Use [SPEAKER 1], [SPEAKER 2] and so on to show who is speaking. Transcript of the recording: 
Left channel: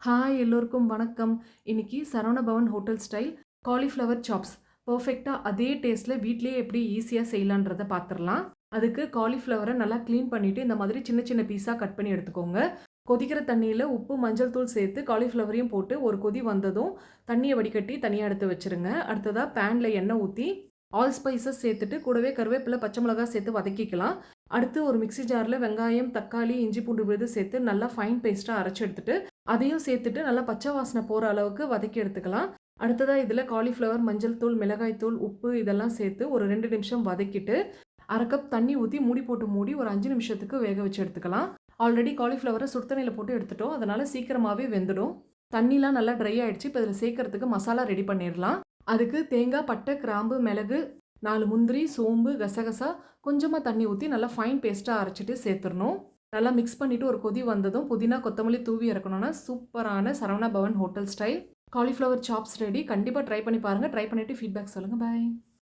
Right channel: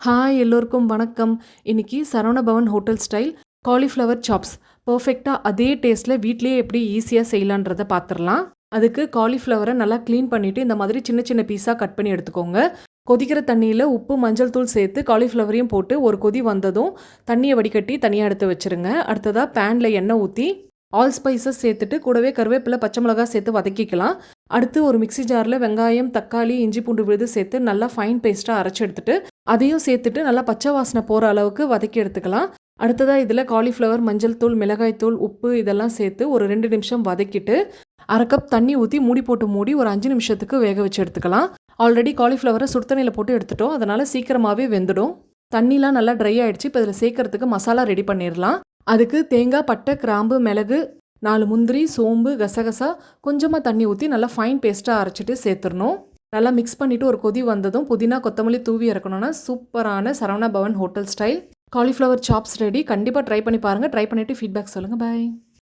[SPEAKER 1] Hi எல்லோருக்கும் வணக்கம். இன்னைக்கு Saravana Bhavan hotel style cauliflower chops. பர்ஃபெக்டாக அதே டேஸ்ட்டில் வீட்லேயே எப்படி ஈஸியாக செய்யலான்றதை பார்த்துடலாம் அதுக்கு காலிஃப்ளவரை நல்லா க்ளீன் பண்ணிவிட்டு இந்த மாதிரி சின்ன சின்ன பீஸாக கட் பண்ணி எடுத்துக்கோங்க. கொதிக்கிற தண்ணியில் உப்பு மஞ்சள் தூள் சேர்த்து காலிஃப்ளவரையும் போட்டு ஒரு கொதி வந்ததும் தண்ணியை வடிகட்டி தனியாக எடுத்து வச்சுருங்க. அடுத்ததாக பேனில் எண்ணெய் ஊற்றி ஆல் ஸ்பைசஸ் சேர்த்துட்டு கூடவே கருவேப்பிலை பச்சை மிளகாய் சேர்த்து வதக்கிக்கலாம். அடுத்து ஒரு மிக்ஸி ஜாரில் வெங்காயம் தக்காளி இஞ்சி பூண்டு விழுது சேர்த்து நல்லா ஃபைன் பேஸ்ட்டாக அரைச்சி எடுத்துட்டு அதையும் சேர்த்துட்டு நல்லா பச்சை வாசனை போகிற அளவுக்கு வதக்கி எடுத்துக்கலாம். அடுத்ததாக இதில் காலிஃப்ளவர் மஞ்சள் தூள் மிளகாய் தூள் உப்பு இதெல்லாம் சேர்த்து ஒரு ரெண்டு நிமிஷம் வதக்கிட்டு அரை கப் தண்ணி ஊற்றி மூடி போட்டு மூடி ஒரு அஞ்சு நிமிஷத்துக்கு வேக வச்சு எடுத்துக்கலாம். ஆல்ரெடி காலிஃப்ளவரை சுடுதண்ணியில் போட்டு எடுத்துட்டோம். அதனால் சீக்கிரமாகவே வெந்துடும். தண்ணிலாம் நல்லா ட்ரை ஆகிடுச்சு இப்போ இதில் சேர்க்கறதுக்கு மசாலா ரெடி பண்ணிடலாம். அதுக்கு தேங்காய் பட்டை கிராம்பு மிளகு நாலு முந்திரி சோம்பு கசகசா கொஞ்சமாக தண்ணி ஊற்றி நல்லா ஃபைன் பேஸ்ட்டாக அரைச்சிட்டு சேர்த்துடணும். நல்லா மிக்ஸ் பண்ணிவிட்டு ஒரு கொதி வந்ததும் புதினா கொத்தமல்லி தூவி இறக்கணும்னா சூப்பரான Saravana Bhavan hotel style. Cauliflower chops ready. கண்டிப்பாக ட்ரை பண்ணி பாருங்கள் ட்ரை பண்ணிவிட்டு ஃபீட்பேக் சொல்லுங்கள் பாய்